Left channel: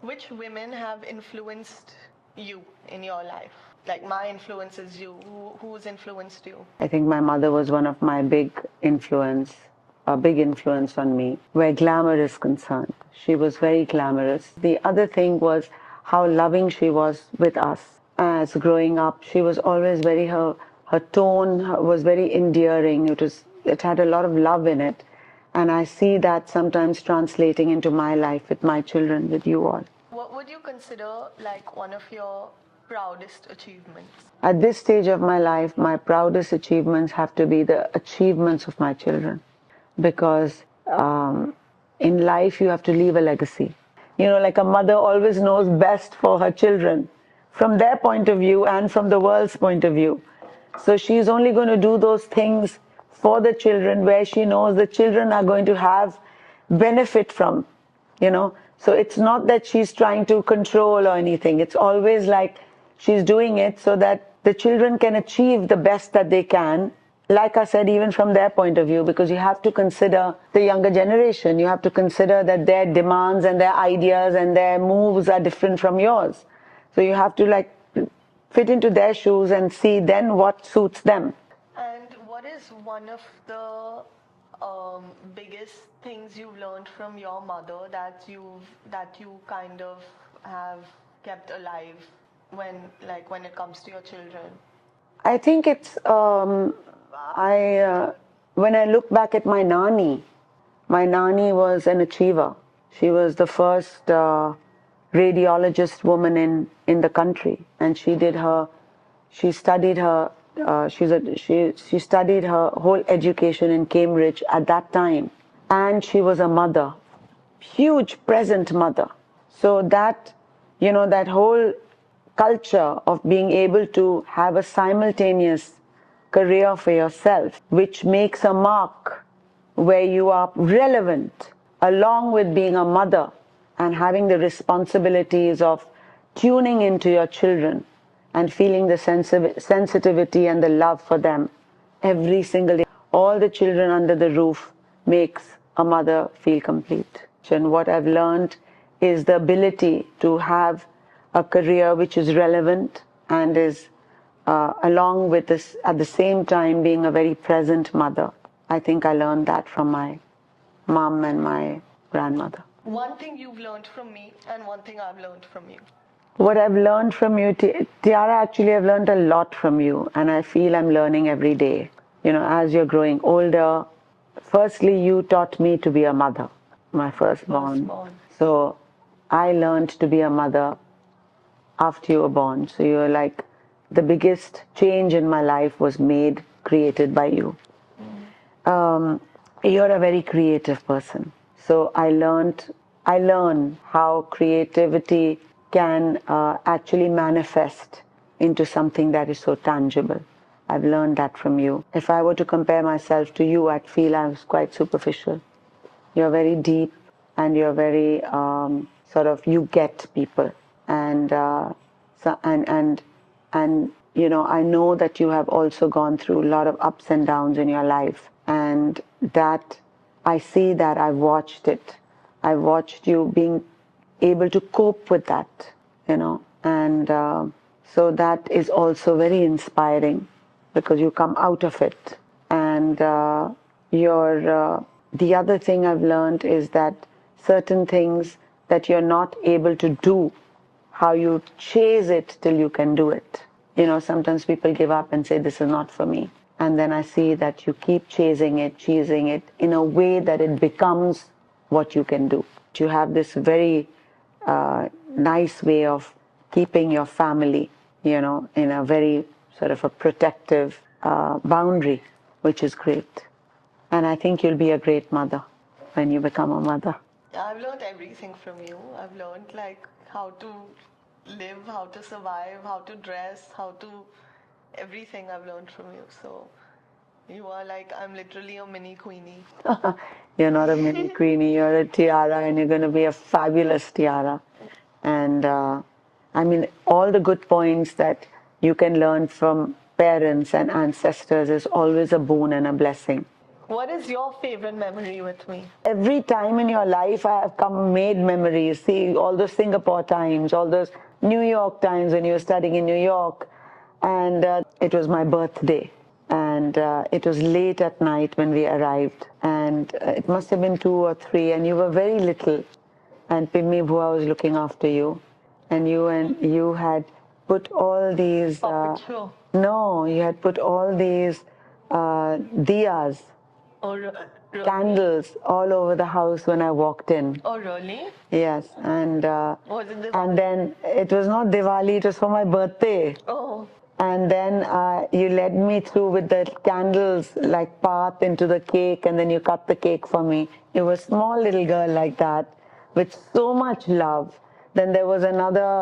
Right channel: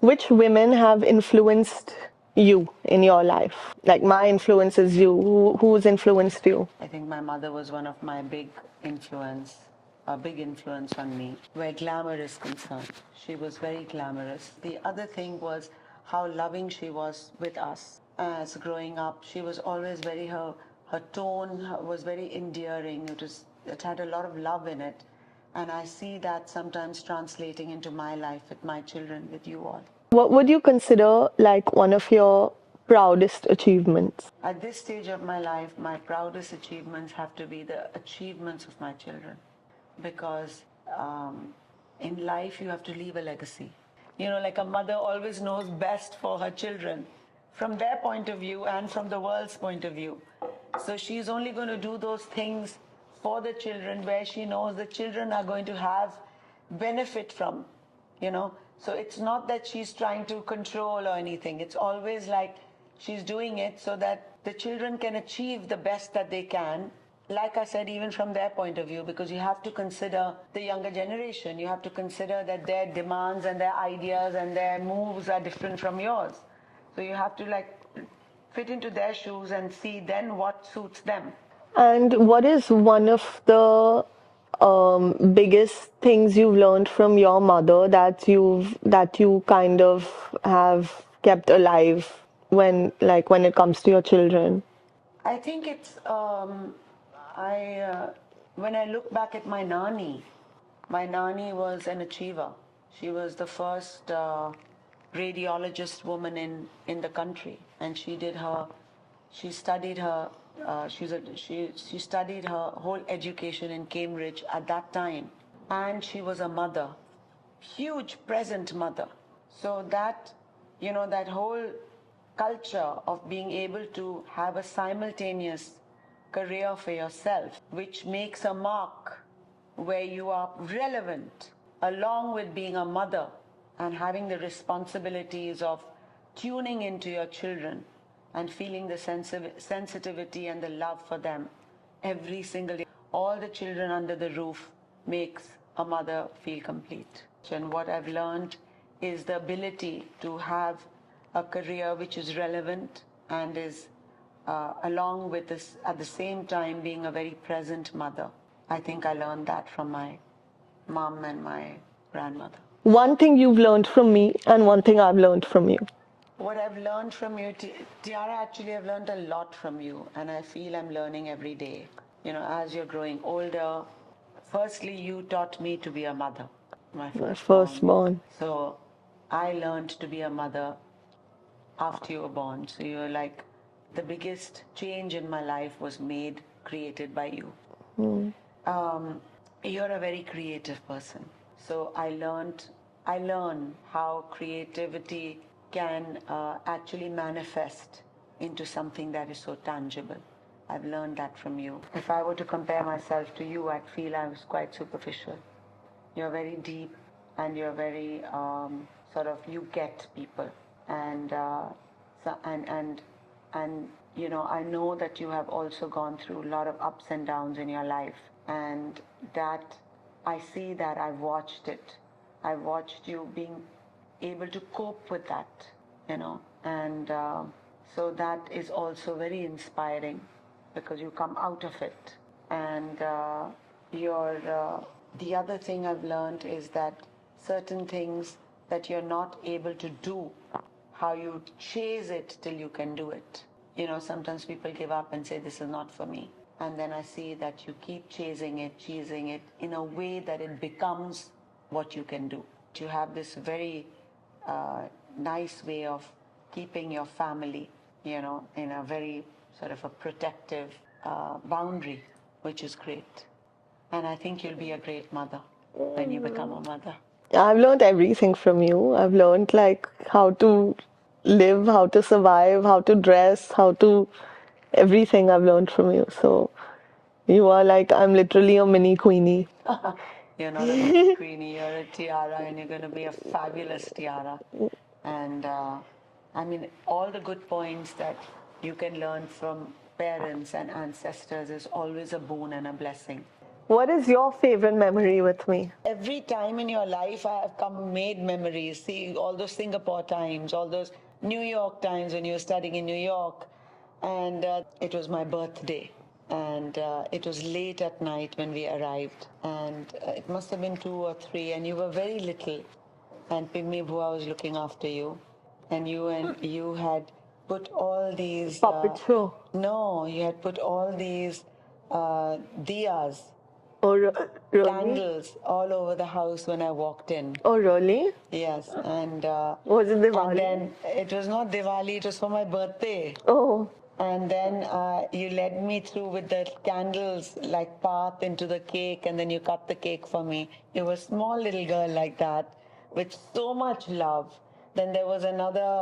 Which women have influenced you in your life? Like my influence is you. Who's influenced you? I think my mother was one of my a big influence on me, where glamour is concerned. She was very glamorous. The other thing was how loving she was with us. As growing up, she was always her tone was very endearing. It had a lot of love in it. And I see that sometimes translating into my life with my children, with you all. What would you consider like one of your proudest achievements? At this stage of my life, my proudest achievements have to be the achievements of my children, because in life you have to leave a legacy. Like a mother always knows best for her children from their point of view and from the world's point of view. So she's only going to do those things for the children where she knows the children are going to have benefit from, So it's not that she's trying to control or anything. It's always like she's doing it so that the children can achieve the best that they can. Like I said, even from their point of view, because you have to consider the younger generation. You have to consider that their demands and their ideas and their moves are different from yours. So you have to fit into their shoes and see then what suits them. And what is one of the biggest things you've learned from your mother that you kind of have kept alive when it comes to your children? I think it's when I look back at my nani was an achiever. She was the first radiologist woman in the country, and she studied her she studied her whole education in Cambridge at that time, and she was a mother, huge present mother. So that that whole culture of being able to have a simultaneous career for yourself, which makes a mark where you are relevant, along with being a mother and having the responsibilities of tuning into your children and feeling the sensitivity and the love for them every single day. All the children under the roof makes a mother feel complete. And what I've learned is the ability to have a career which is relevant and is along with this, at the same time, being a very present mother. I think I learned that from my mom and my grandmother. One thing you've learned from me and one thing I've learned from you. What I've learned from you, Tiara, actually I've learned a lot from you, and I feel I'm learning every day. As you're growing older, firstly, you taught me to be a mother, my firstborn. So I learned to be a mother after you were born. So you're like, the biggest change in my life was created by you. You're a very creative person. So I learn how creativity can actually manifest into something that is so tangible. I've learned that from you. If I were to compare myself to you, I'd feel I was quite superficial. You're very deep, and you're very you get people, and I know that you have also gone through a lot of ups and downs in your life, and that I see that. I've watched it. I've watched you being able to cope with that, and so that is also very inspiring, because you come out of it. And the other thing I've learned is that certain things that you're not able to do, how you chase it till you can do it. Sometimes people give up and say, this is not for me. And then I see that you keep chasing it in a way that it becomes what you can do. You have this very nice way of keeping your family, in a very sort of a protective boundary, which is great. And I think you'll be a great mother when you become a mother. I've learned everything from you. I've learned how to live, how to survive, how to dress, everything I've learned from you. So you are I'm literally a mini queenie. You're not a mini queenie, you're a tiara, and you're going to be a fabulous tiara. And all the good points that you can learn from parents and ancestors is always a boon and a blessing. What is your favorite memory with me? Every time in your life I have made memories. See, all those Singapore times, all those New York times when you were studying in New York, and it was my birthday, and it was late at night when we arrived, and it must have been 2 or 3, and you were very little, and Pimmi Bhua was looking after you, and you had put all these Puppet show. no, you had put all these diyas, Or really? candles all over the house when I walked in. Oh, really? Yes, and Was it Diwali? and then it was not Diwali; it was for my birthday. Oh, And then you led me through with the candles, like path into the cake, and then you cut the cake for me. You were a small little girl like that, with so much love. Then there was another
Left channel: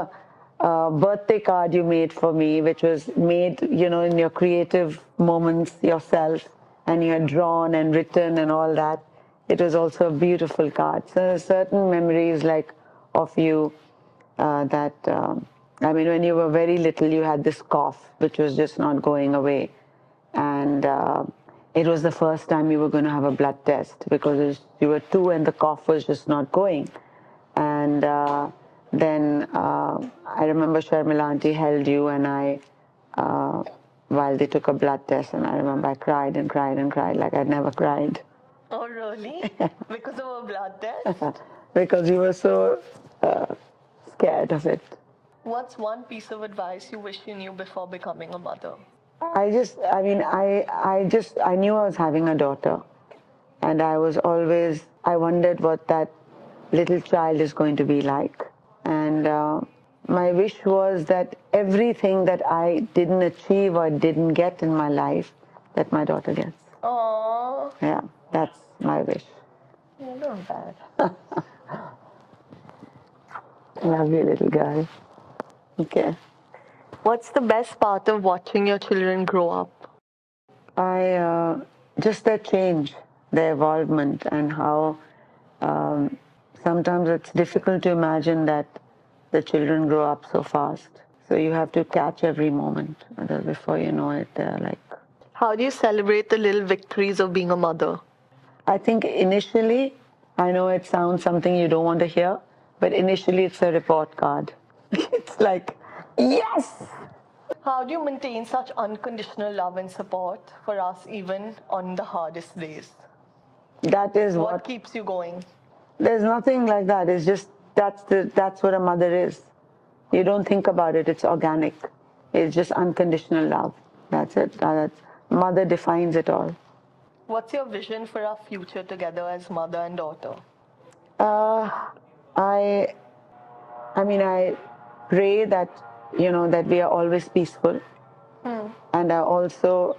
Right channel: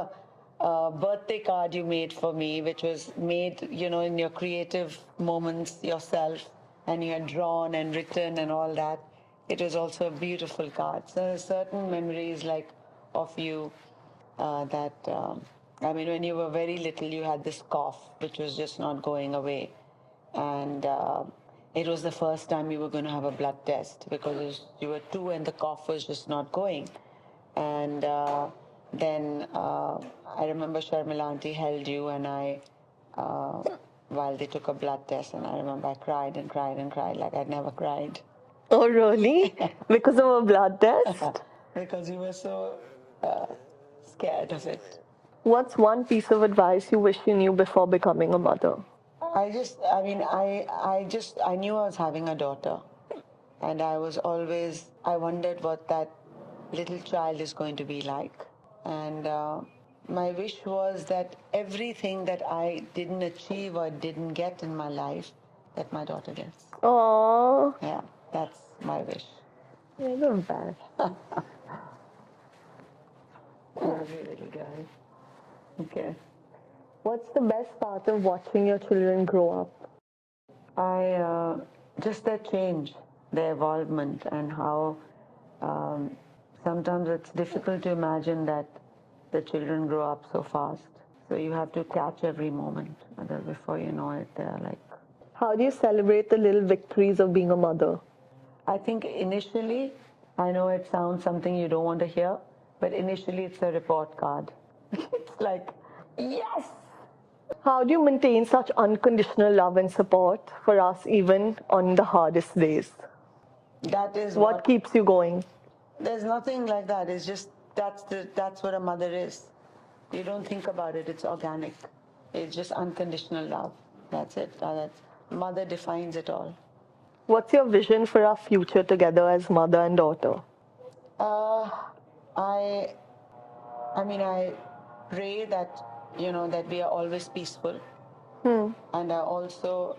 birthday card you made for me, which was made, in your creative moments yourself, and you had drawn and written and all that. It was also a beautiful card. So certain memories like of you when you were very little, you had this cough, which was just not going away. And it was the first time you were going to have a blood test because you were 2 and the cough was just not going. And then I remember Sharmila auntie held you and while they took a blood test, and I remember I cried and cried and cried like I'd never cried. oh, really? Because of a blood test? Because you were so scared of it. What's one piece of advice you wish you knew before becoming a mother? I knew I was having a daughter, and I wondered what that little child is going to be like. And my wish was that everything that I didn't achieve or didn't get in my life, that my daughter gets. Oh, Yeah, that's my wish. you're not bad. Love you, little girl. Okay. What's the best part of watching your children grow up? Just their change, their evolvement, and how sometimes it's difficult to imagine that the children grow up so fast. So you have to catch every moment. Because before you know it, they're like... How do you celebrate the little victories of being a mother? I think initially, I know it sounds something you don't want to hear, but initially it's a report card. It's like, yes! How do you maintain such unconditional love and support for us even on the hardest days? That is What keeps you going? There's nothing like that. It's just that's what a mother is. You don't think about it. It's organic. It's just unconditional love. That's it. Mother defines it all. What's your vision for our future together as mother and daughter? I pray that that we are always peaceful. And I also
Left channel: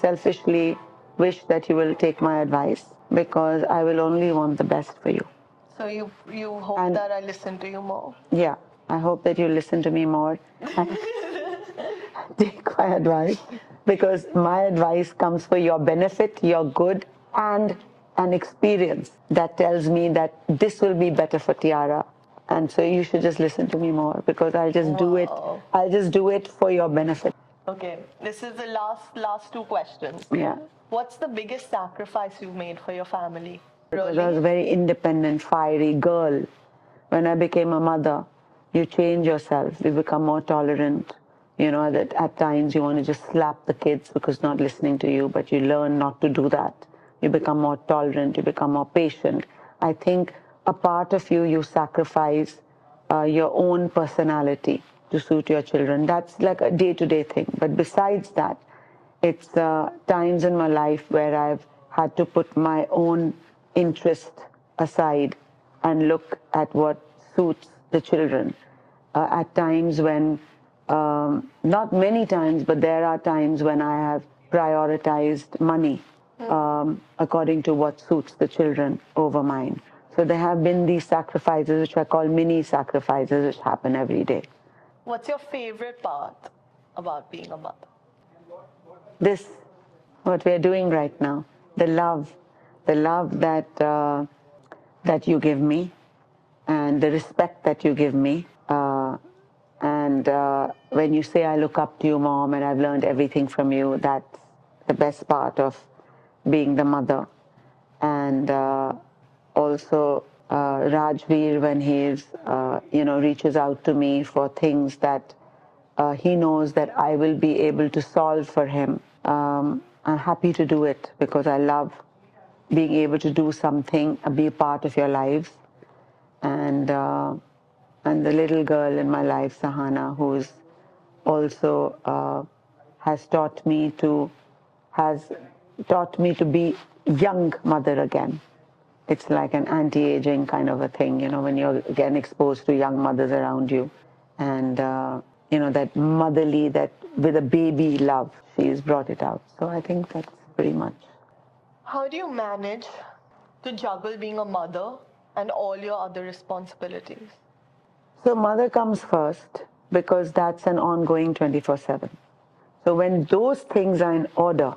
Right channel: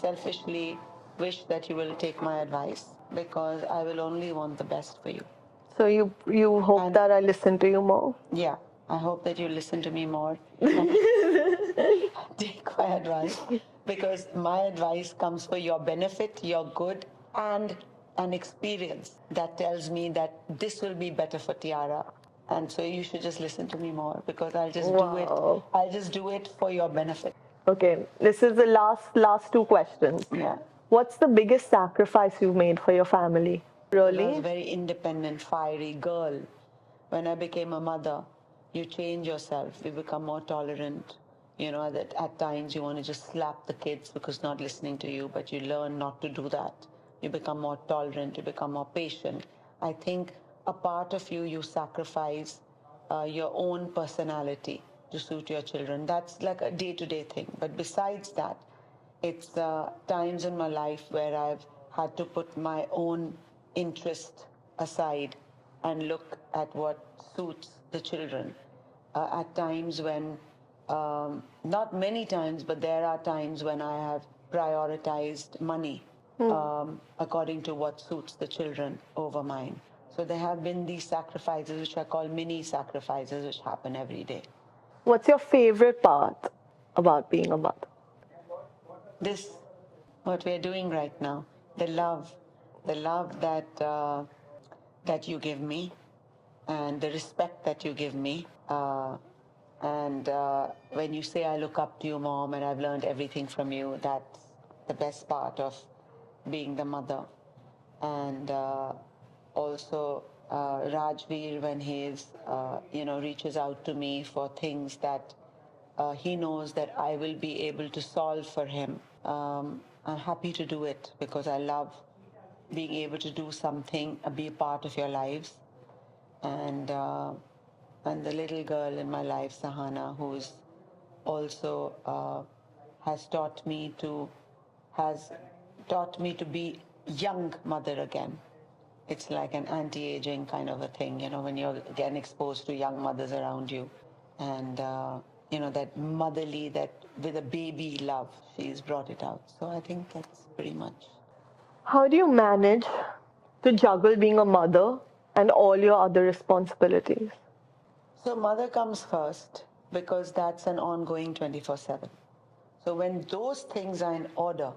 selfishly wish that you will take my advice, because I will only want the best for you. So you hope that I listen to you more? Yeah, I hope that you listen to me more and take my advice, because my advice comes for your benefit, your good, and an experience that tells me that this will be better for Tiara. And so you should just listen to me more, because I'll just do it. I'll just do it for your benefit. Okay, this is the last 2 questions. Yeah. What's the biggest sacrifice you've made for your family? Really? I was a very independent, fiery girl. When I became a mother, you change yourself. You become more tolerant. That at times you want to just slap the kids because not listening to you, but you learn not to do that. You become more tolerant. You become more patient. I think a part of you sacrifice your own personality to suit your children. That's like a day-to-day thing. But besides that, it's times in my life where I've had to put my own interest aside and look at what suits the children. At times when, not many times, but there are times when I have prioritized money according to what suits the children over mine. So there have been these sacrifices, which I call mini sacrifices, which happen every day. What's your favorite part about being a mother? This, what we're doing right now, the love that you give me, and the respect that you give me. And when you say, I look up to you, Mom, and I've learned everything from you, that's the best part of being the mother. And also Rajveer, when he's reaches out to me for things that he knows that I will be able to solve for him. I'm happy to do it because I love being able to do something, be a part of your lives. And the little girl in my life, Sahana, who's also has taught me to has taught me to be young mother again. It's like an anti-aging kind of a thing, when you're again exposed to young mothers around you, and that motherly, that with a baby love, she's brought it out. So I think that's pretty much. How do you manage to juggle being a mother and all your other responsibilities? So mother comes first because that's an ongoing 24/7. So when those things are in order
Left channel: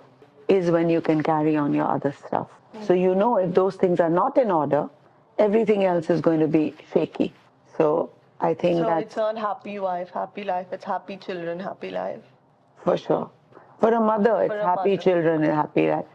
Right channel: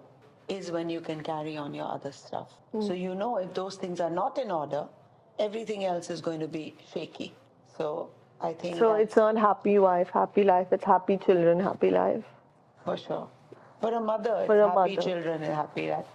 is when you can carry on your other stuff. So if those things are not in order, everything else is going to be shaky. So I think So that's it's not happy wife, happy life, it's happy children, happy life. for sure. For a mother, it's For a happy mother. children and happy life.